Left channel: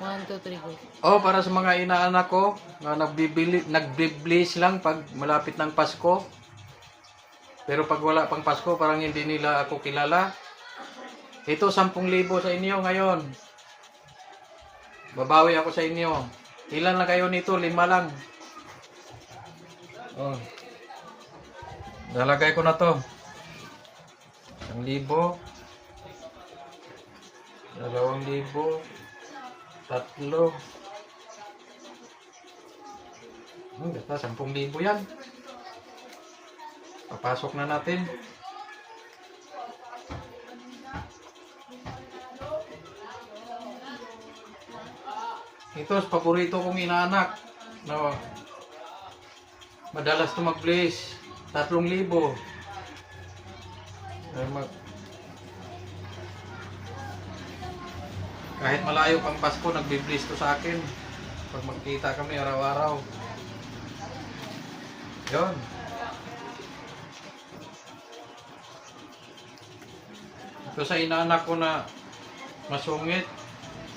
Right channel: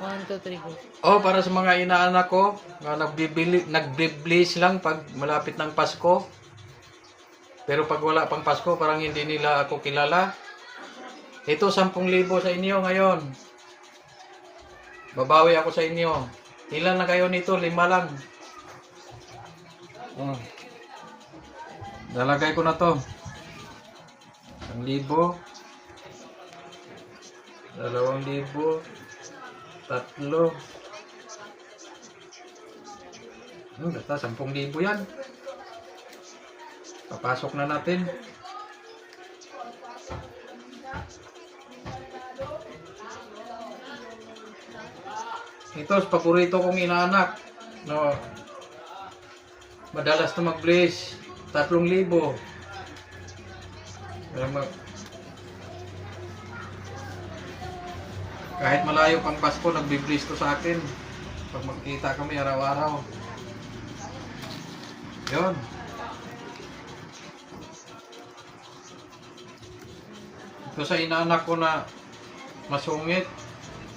1, 2, 3, go. Oh, para sa mga inaanak ko na nagbiblis lang pag malapit ng Pasko. Pero pag wala pang Pasko, parang hindi nila ako kilala. Ito, 10,000 sa inyo ngayon. Babawi ako sa inyo. Ilan lang kayo nito? 5 lang. Oh. Dalagay ko na to. 1,000. 2,000. 3. Basta 10,000 yan. Papasok na natin. Ito, paborito kong inaanak. No. Madalas to mag-blaze. 3,000. Kahit malayo pang Pasko, nagbe-blaze to sa akin. Pag magkita kami araw-araw. Yun. Ito sa inaanak ko na masungit.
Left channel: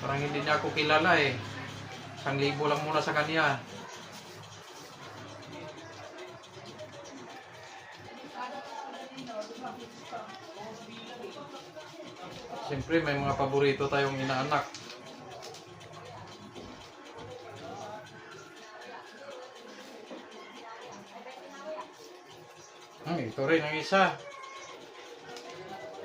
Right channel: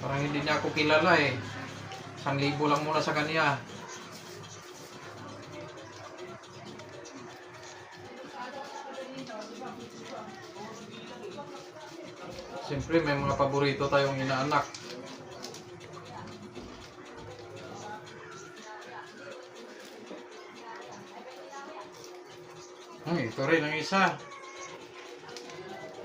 Parang hindi niya ako kilala eh. 1,000 lang muna sa kanya. Siyempre may mga paborito tayong inaanak. Ito rin ang isa.